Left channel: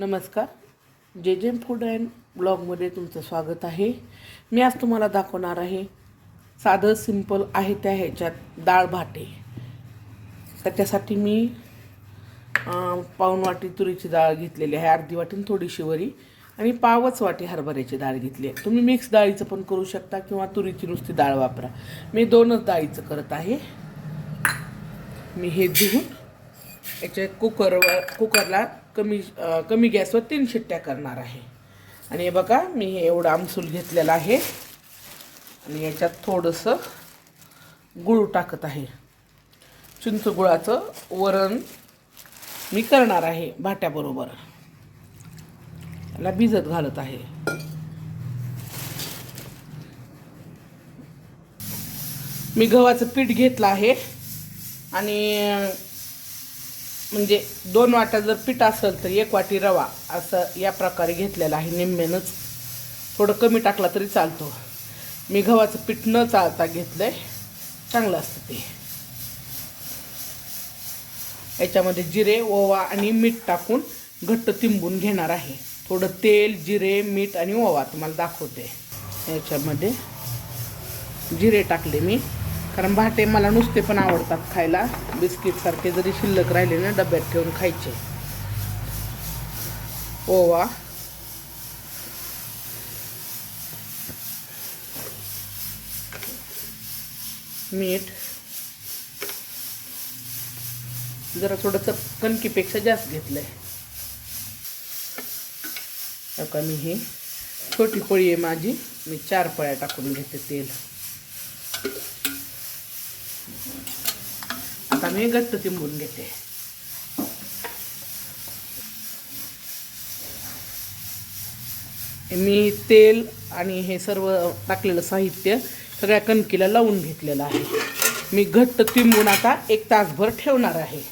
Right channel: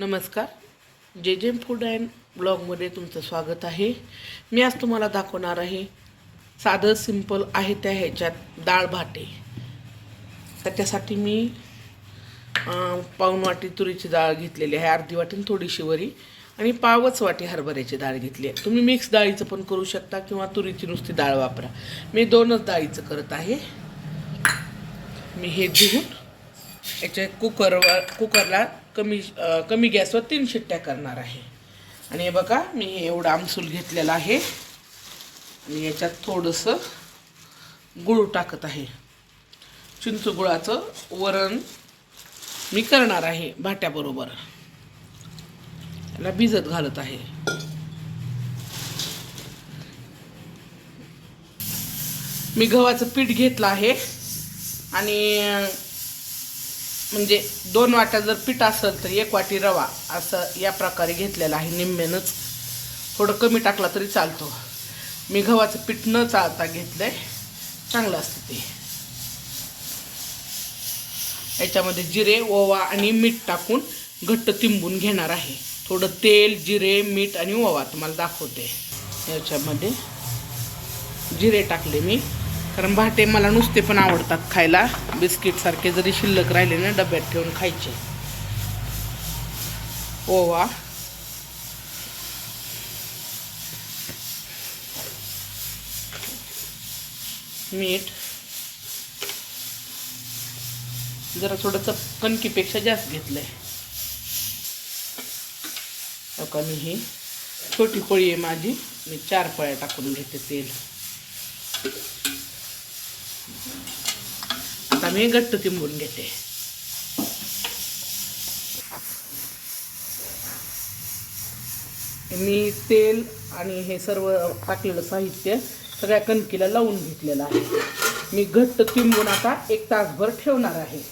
नमस्कार. जे जे फूड अँड ब्लॉगमध्ये तुमचं स्वागत आहे. मी आज तुम्हाला दाखवणार आहे साधं सिंपल आहे त्या ह्याच्यात डाळ भाटे. त्याच्यासाठी मी अं, पाऊण वाटी तुरीची डाळ घेतलेली आहे अर्धी वाटी थोडीशी वरी. आणि पावच वाटी हरभऱ्याची डाळ घेतली आहे. तुम्ही मिक्स डाळीचं पण करू शकता किंवा तुरीची नुसती डाळ वापरा. मी दोनच डाळीचं करत आहे. मी हे घेऊन याच्या कुकरवर कुकरला कमी कमी गॅसवर तीन शिट्ट्या करणार आहे. आणि हे बघा मी एवढं आमसूल घेतलेलं आहे. आणि याच्यात थोडंसं गुळ टाकत आहे. चिंच गुळाचं वरण मी करणार आहे भाट्याबरोबर. त्याला भिजत घालत आहे. मी गव्हाचं पीठ घेतलं आहे. आणि म्हणजे दोन वाट्या जर पीठ असेल तर एक वाटी रवा असं या प्रकारे घेतलेलं आहे निम्म्यानंच. थोडं कमी टाकला तरी चालतो. मी गव्हाचं पीठ न चालता घेतलं आहे चांगलं असतं ते. याच्यामध्ये जिरे ओवा आणि मीठ टाकून घट्ट तिंबून घेणार आहे. थोडं तेल जिरे मीठ आणि ओवा तुम्हाला दाखवते. याच्यामध्ये जिरे टाकले मी. कारण भाटे मला नुसते पण आवडतात खायला. बिस्किटसारखे जरी शिल्लक राहिले ना डब्यात ठेवून खायचे. ओवा. मीठ. जरा थोडंसं कणकीपेक्षा जास्त घेतलंय. आता मी ही छोटी पोळी आहे माझी. मी चार पळ्या टाकून घेते तेल. मी घट्ट तिंबून घेते मी तेल आणि हे सर्व टाकलेलं साहित्य सगळ्या कणकीला लावून घेतलेलं आहे मी घट्ट तिंबून आता एक तासभर ठेवणार आहे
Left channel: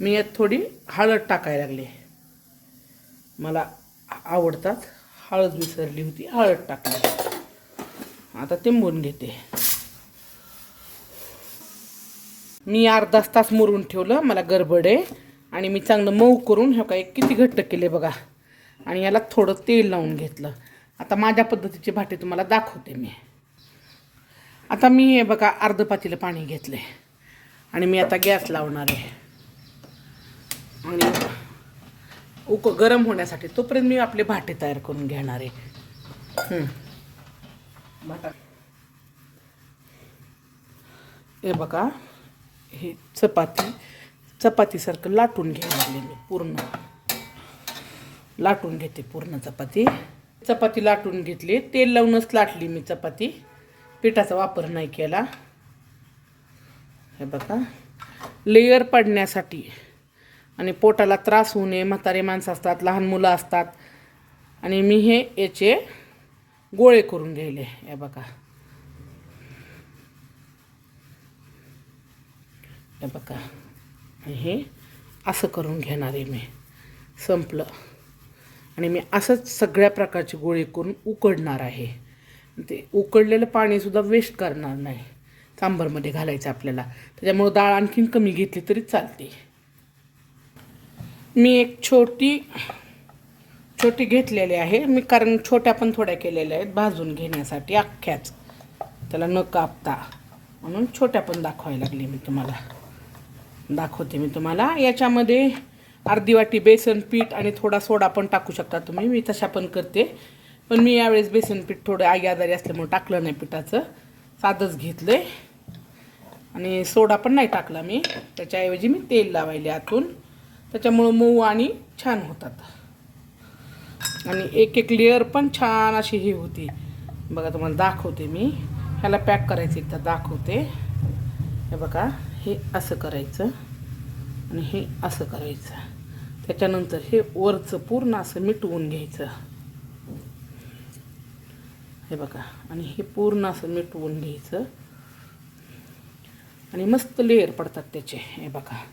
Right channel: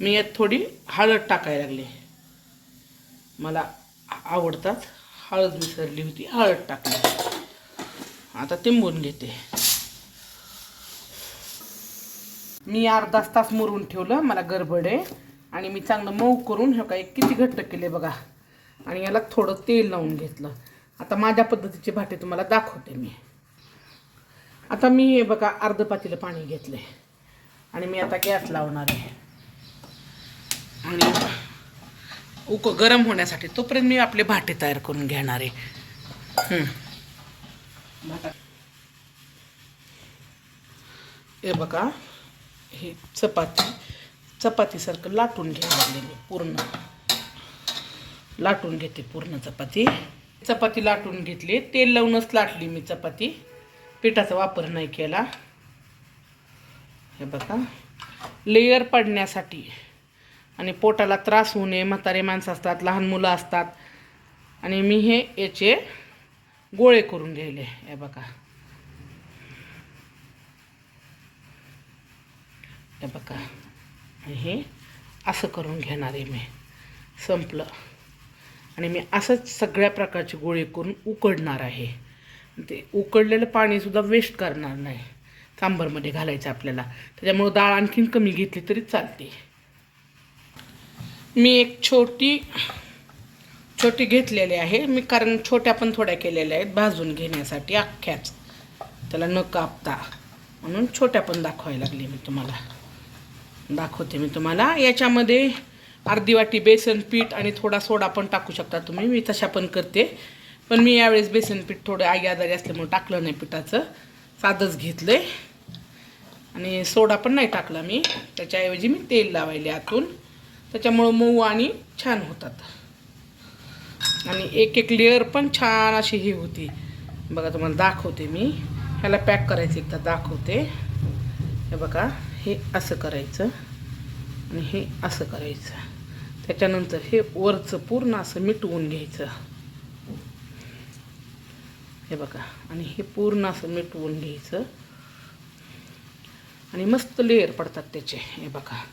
मी यात थोडी हळद टाकायला लागली मला आवडतात हळद विसरली होती हळद टाकली आता तिंबून घेते. मी अर्धाच तास मुरून ठेवलं मला गडबड आहे. आणि मी चांगलं मऊ करून हे काय किती घट्ट केले बघा. आणि याला थोडं तेल लावून घेतलं. आता माझ्या पद्धतीचे भाटे तुम्हाला दाखवते मी. आता मी हे बघा अर्ध पातेलं पाणी घेतले आणि मी आता गॅस लावणार आहे. आणि उक गरम होण्यासाठी तोपर्यंत मी आपले भाटे तयार करून घेणार आहे. हे बघा हे चपाती चपातीसारखं लाटून घ्यायला मी पूर्ण. लाटून घेते पूर्ण चपाती. चपाती लाटून घेतली. तेल लावूनच लाटली मी चपाती. पिठाचा वापर नाही केला. हे बघा. लेयर पडण्यासाठी आणि पोटाला त्रास होऊ नये. म्हातारे माणसं असतात लहान मुलं असतात. आणि मी हे याचे गोळे करून घ्यायले हे बघा. हे बघा. हे असं करून घेणार आहे मी. संपलं. आणि मी असंच सगळ्या प्रकारचे गोळे करून उकडणार आहे. ते उकडलेलं पाणीसुद्धा वेस्ट करणार नाही. सांबरमध्ये घालायचं आपल्याला. त्याच्यामुळं डाळ आणखीन कमी घेतली तरी चालते. मी एक छोटी छोटी घेतलेली आहे. मी कारण छोट्या पण थोड्या केलेल्या आहेत. भाजून घेण्यासाठी अख्ख्याच. त्याला न कापता. म्हणून छोट्या पण दाखवायला लागली मी तुम्हाला. दाखवते मी तुम्हाला. याच्यामध्ये अर्धी वाटी बेसन पीठ आणि थोडा सोडा पण टाकू शकता तुम्ही. मी तशा पण करते. पण मी यावेळेस बेसन पीठ थोडं आई आजारी असल्यामुळे टाकलं नाही पिठाचं. साधंच घेतलं आहे आणि सोडा पण नाही टाकला मी. त्याच्याऐवजी मी तेल लावायले आतून. त्याच्यामुळं मऊ आणि छान होतात. आणि एक एक लेअर पण छान अशी ही होती. बघा तुम्हाला दाखवते मी. ह्याला पॅक करायचं एकदा दाखवते. हे बघा हे असं करायचं आणि हे असं करायचं. त्याच्यानंतर हे वरचं पूर्ण असं मिटवून घ्यायचं. हे बघा आणि हे पूर्ण असं मिटवून घ्यायचं. आणि मस्त लेअर पडतात त्याचे. हे बघा.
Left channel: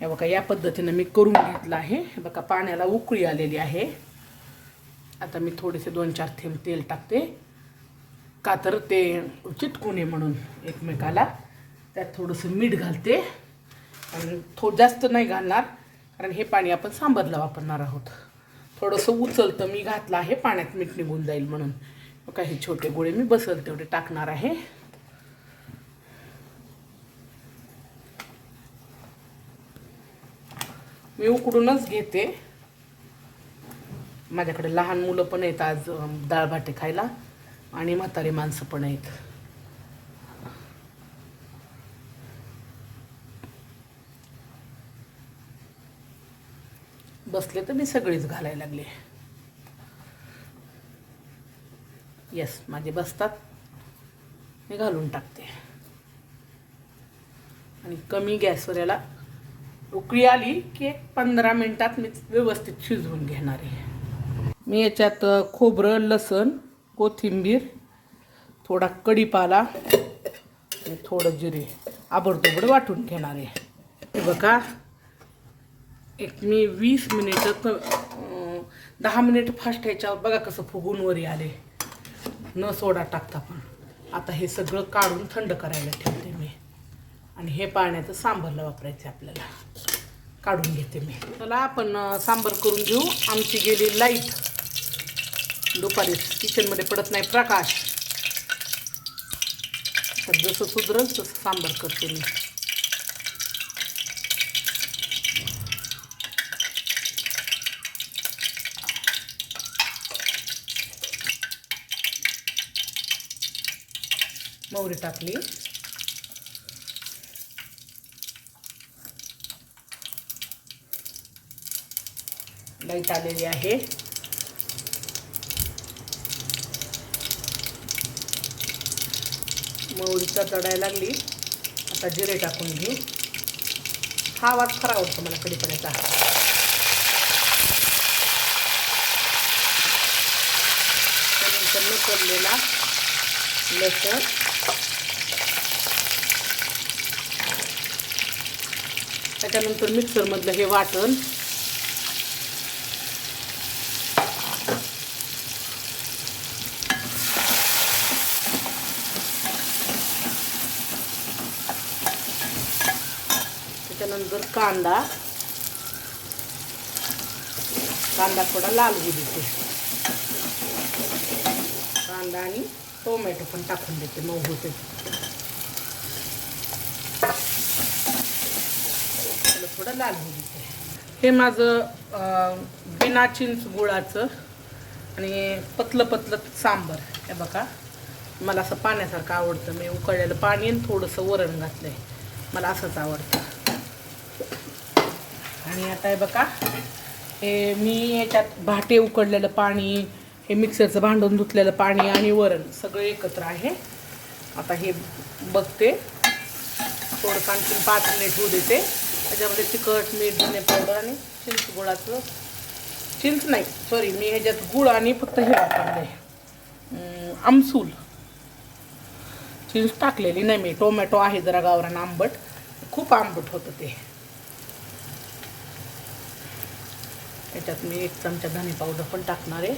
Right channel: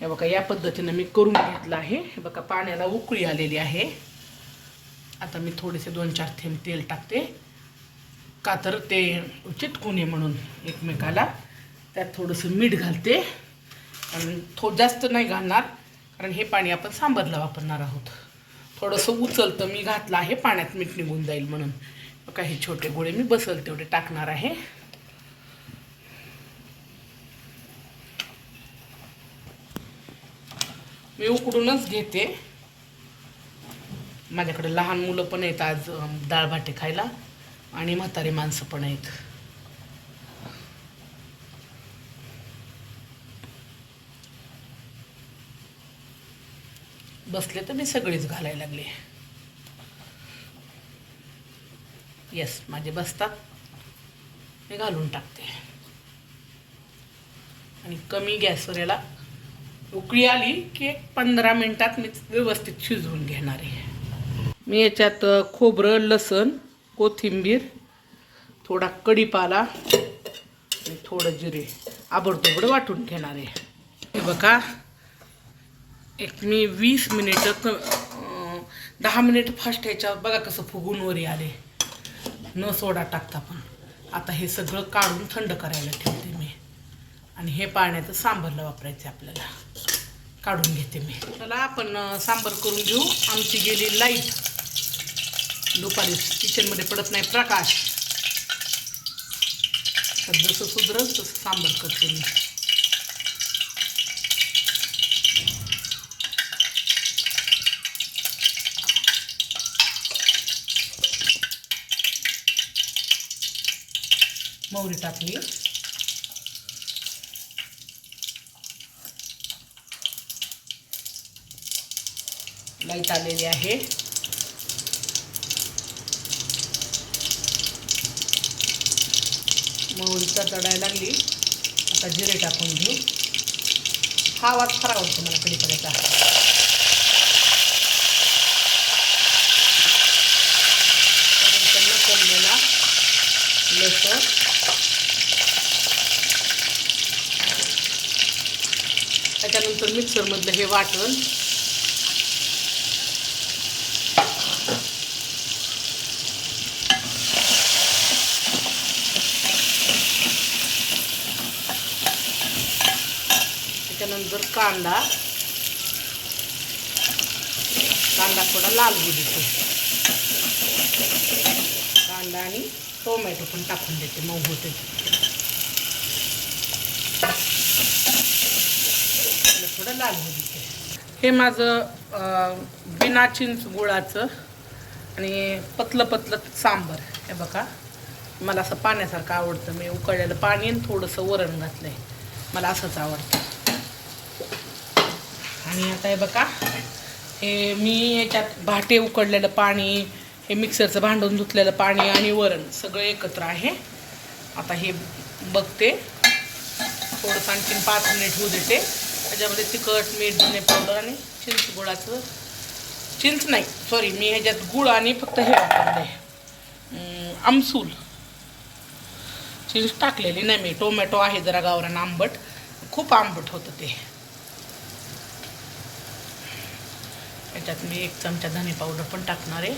हे बघा या पद्धतीनं मी करून घेतलं आहे. हे बघा पाण्याला उकळी आलेली आहे. आता मी थोडेसे दोन चार थेंब तेल टाकते. का तर ते चिटकू नये म्हणून एकमेकाला. त्यात थोडंसं मीठ घालते. आणि थो जास्त नाही घालणार. कारण हे पाणी आपण सांबरला वापरणार आहोत. थोडंसं उचलतं मी घातलं आहे पाण्यात मीठ निघून जाईल म्हणून. काही छोटे गोळे मी बसल तेवढे टाकणार आहे. मी उकडूनच घेते. माझ्याकडे लहान मुलं पण आहेत आज डाळ भाटे खायला आणि म्हातारी माणसं पण आहेत. बसले तर मी सगळीच घालायला लागले. येस माझे बसतात. मी घालून टाकते. आणि कमी गॅसवर याला उकळी आली की एक पंधरा मिनिटात मी व्यवस्थित शिजवून घेणार आहे. मी याच्यात खोबरं लसण कोथिंबीर थोडा कढीपाला आणि थोडं जिरे. आबडतोबड वाटून घेणार आहे. बघा एक मी वीस मिनिटं क दहा मिनिट फास्ट ह्याच्यावर बघा कसं फुगून वरी आले. न सोडा टाकता पण. आता हे सगळं काढून थंड करायला ठेवते मी. आणि हे पाण्याचं सांबरला वापरायचं आपल्याला. काढून घेते मी. चला आपण सांबर करून घेऊ. आमची गेली लाइट दुपारी किचनमध्ये पडत नाही प्रकाश. तर जसं सुधरल तसं सांबर करते मी. मोहरी टाकली. लाइट आलेली आहे. मोहरीचा चढायला लागली. आता जिरे टाकून घे. हा आवाज खरा आवडतो मला कधी करायचा त्यानंतर पडलेला लसण. त्याच्यानंतर मिक्सरमधलं हे वाटण त्याच्यानंतर कांदा. कांदा थोडा लाल होऊ देतो. कांदा आणि टोमॅटो पण टाकून देते मऊ होते. थोडं लाल होऊ देते. हे माझं बिना चिंच गुळाचं आणि पतलं पतलं सांबर. हे बघा मला असं पाण्यासारखं आवडतं. मी उकळलेलं पाणी आणि थोडंसं वरण घातलं आहे मला असंच आवडतं. आणि आता हे बघा हे मी याच्यात भाटे उकडलेलं पाणी हे मिक्सरचं भांडून धुतलेलं पाणी आणि वरण सगळं एकत्र आहे. आता हे बघते. थोडंसं आणखीन पाच मिनिट होऊ देते. त्याच्यामध्ये तिखट मीठ धने पावडर आणि चिंच गुळाचं चिंच नाही सॉरी मी ह्याच्यात गुळ आणि फक्त हे वापरले. आमसूल. चिंच टाकलेली नाही मी. टोमॅटो आहे जरा गावरान आंबट. खूप आंबट होतं ते. याच्यात मी एक चमचा धने पावडर पण टाकणार आहे.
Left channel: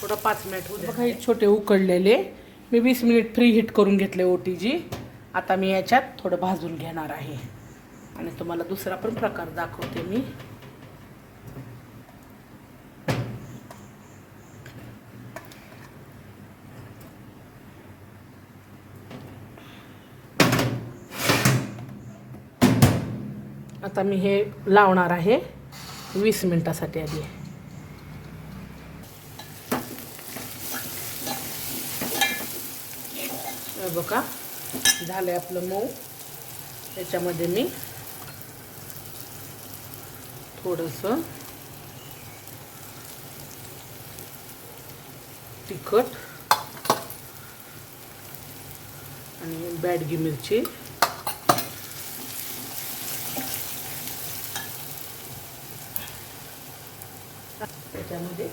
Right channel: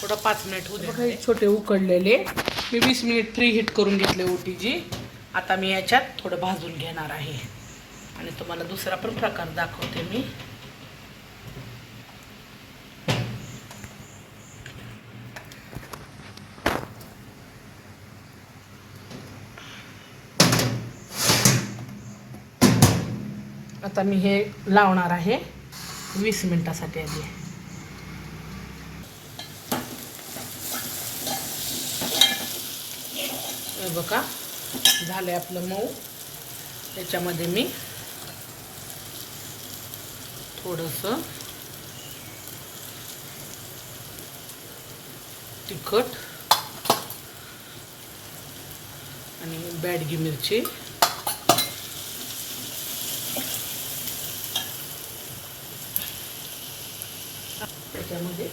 थोडं पाच मिनिट होऊ बघा हे छोटे उकडलेले. मी वीस मिनिट फ्री हीट करून घेतले ओटीजी. आता मी याच्यात थोडं भाजून घेणार आहे. आणि तुम्हाला दुसरा पण प्रकार दाखवते मी. आता मी हे लावणार आहे वीस मिनटासाठी आधी. बघा झालं आपलं मऊ. त्याच्यामध्ये मी थोडंसं तिखट आणि बॅडगी मिरची त्यामध्ये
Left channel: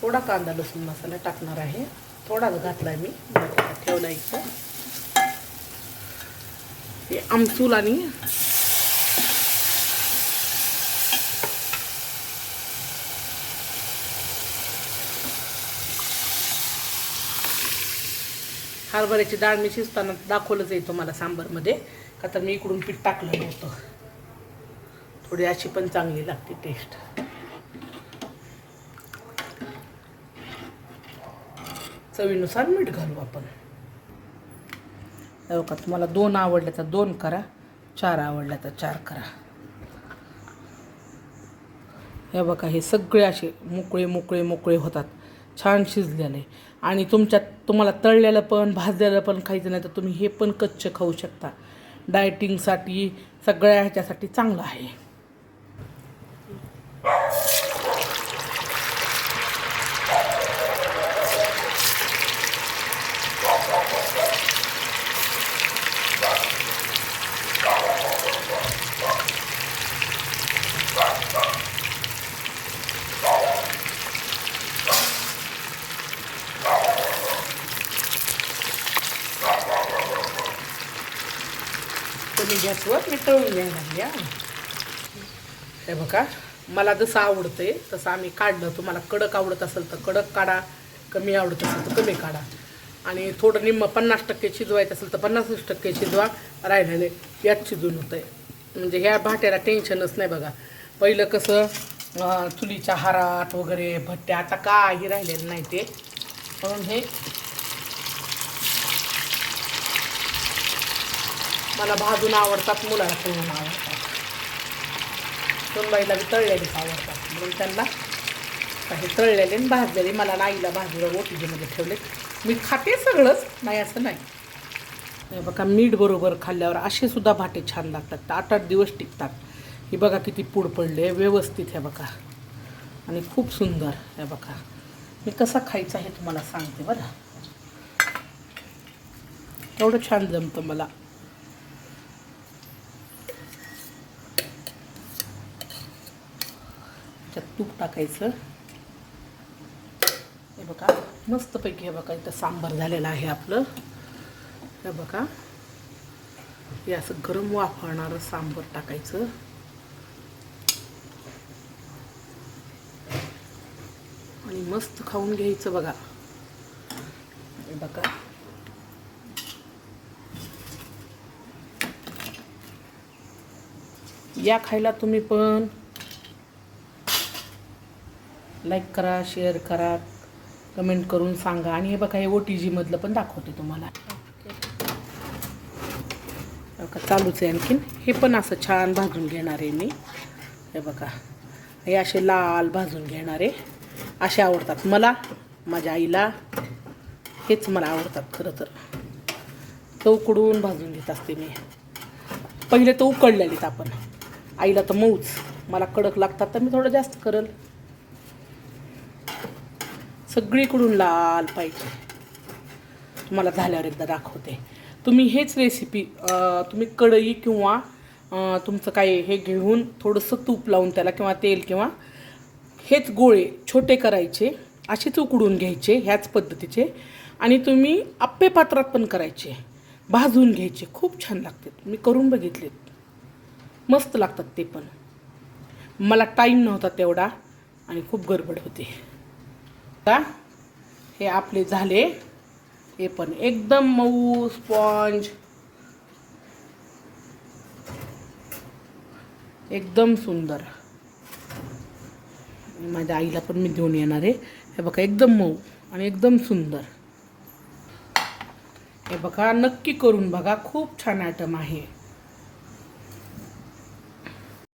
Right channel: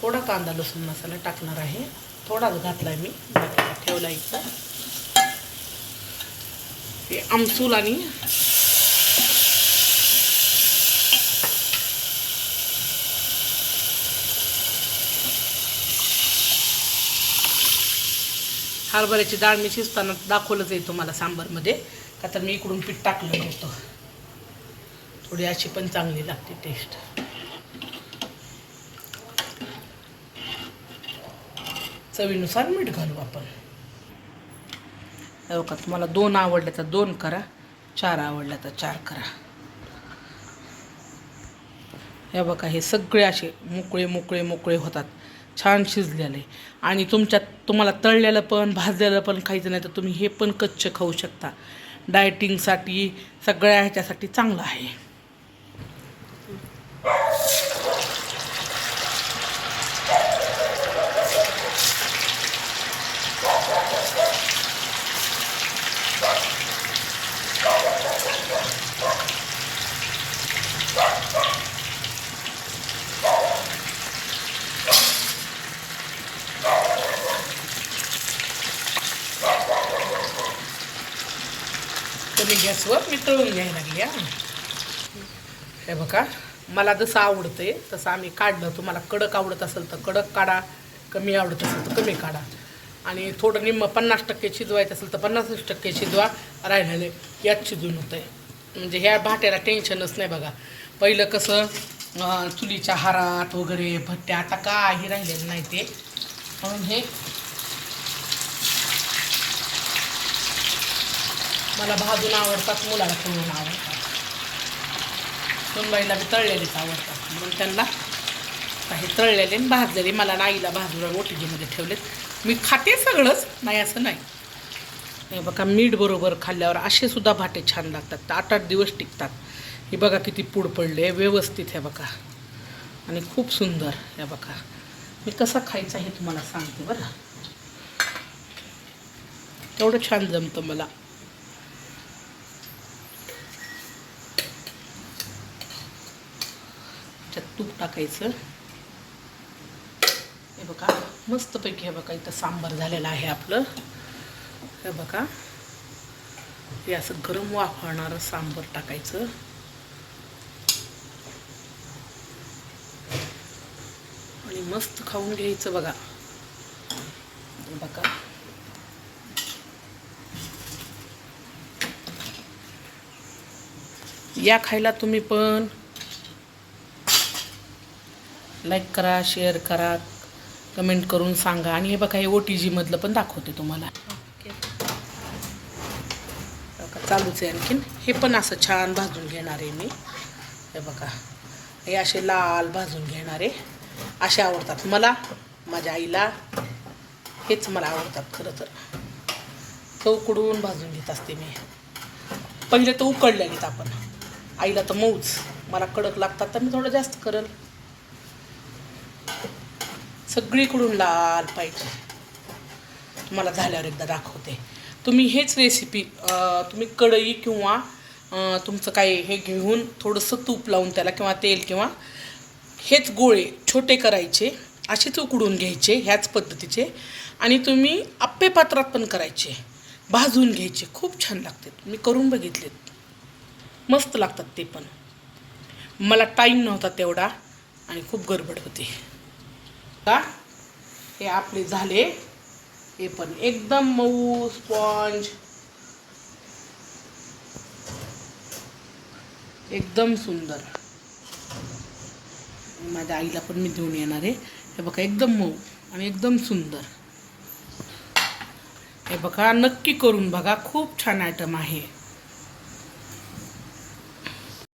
थोडा कांदा लसूण मसाला टाकणार आहे. थोडाच घातला आहे मी. बटाटा ठेवला इथं. हे आमसूल आणि हरभऱ्याची डाळ मी शिजताना दाखवलंच आहे तुम्हाला सांबारमध्ये. का तर मी इकडून पीठ टाकलं नव्हतं. थोडी अशी पण चांगली लागते टेस्ट चवीनुसार मीठ घालू आपण. हे बघा तुम्हाला दोन आवडले तर दोन करा चार आवडल्या तर चार करा. हे बघा हे सगळे असे मोकळे मोकळे मोकळे होतात. छान शिजलेले. आणि तुमच्यात तुम्हाला तळलेलं पण भाजलेलं पण खायचं नाही तर तुम्ही हे पण कच्च खाऊ शकता. डायटिंगसाठी सगळ्या ह्याच्यासाठी चांगलं आहे. गॅसवर मी तळून घ्यायला लागली हा हे बघा मला जसं आवडतंय तसं आम्ही काढलं. तुम्हाला कडक आवडत असेल तर कडक काढा कमी आवडत असेल तर कमी काढा. आणि थोडं निम्म पन्नास टक्के शिजवायचं असेल तर पन्नास टक्के शिजवा राहिलेले यात शिजून होतं आहे म्हणजे ह्या भाट्याला टेन्शनच नाही बघा. पहिलं कसं चुलीच्या हारात वगैरे भट्ट्या आता काही राहिलेलं नाही ते. म्हणून हे मला भाजून आवडतात मुलाला तळून आवडतात. सुनबाईला बी तळलेलेच आवडतात. म्हणून त्यांना काही तळलेले आणि भाजलेले. मला नाईला भाजून ओटीजीमध्ये म्हणजे ठेवलेत. मी खाते सगळंच. नाही असं नाही. हे बघा मीठ बरोबर खाल्ल्यावर असे सुद्धा भाटे छान लागतात. आठ आठ दिवस टिकतात. हे बघा किती पूड पडले. व्यवस्थित हे बघा. आणि खूप सुंदर हे बघा. मी कसं खायचं हे तुम्हाला सांगते बरं. एवढं छान जमतं मला. तूप टाकायचं. हे बघा मस्तपैकी हे बघा इथं सांबार झालेलं आहे आपलं. हे बघा हे असं गरम वाफाळणारं सांबार टाकायचं. आणि मस्त खाऊन घ्यायचं बघा. बघा. या खायला तुम्ही पण लाईक करा शेअर करा कमेंट करून सांगा. आणि हे बघा हे ओ टी जीमधलं पण दाखवते तुम्हाला. चालूच आहे आणखीन. हे पण असं छान भाजून घेणार आहे मी. हे बघा. हे असे लाल भाजून घेणार आहे. असे आवडतात मला माझ्या आईला. हेच मला आवडतात खरं तर. चौकडून भाजून घेत असते मी. पहिले तर उकडलेलीत आपण. आईला तर मऊच. मला कडक लागतात तर मी थोडं जास्त करल. सगळीकडून लाल पाहिजे. तुम्हाला झाल्यावर एकदा दाखवते. तुम्ही हेच रेसिपी तुम्ही कढई किंवा तुमचं काय हे घेऊन थोडंसं तूप लावून त्याला किंवा तेल किंवा हेच गोळे छोटे करायचे असेच उकडून घ्यायचे ह्याच पद्धतीचे. आणि तुम्ही आप्पे पात्रात पण करायचे. भाजून घ्यायचे. खूप छान लागते. मी करून बघितलेत. मस्त लागतात ते पण. मला टाईम नव्हता तेवढा आणि खूप गडबड होती. का? हे आपले झाले. हे पण एकदम मऊ स्पॉन्ज एकदम सुंदर. माझ्या आईला पण मी घेऊन येणार आहे. हे बघा एकदम मऊ आणि एकदम सुंदर. हे बघा नक्की करून बघा. खूप छान आयटम आहे.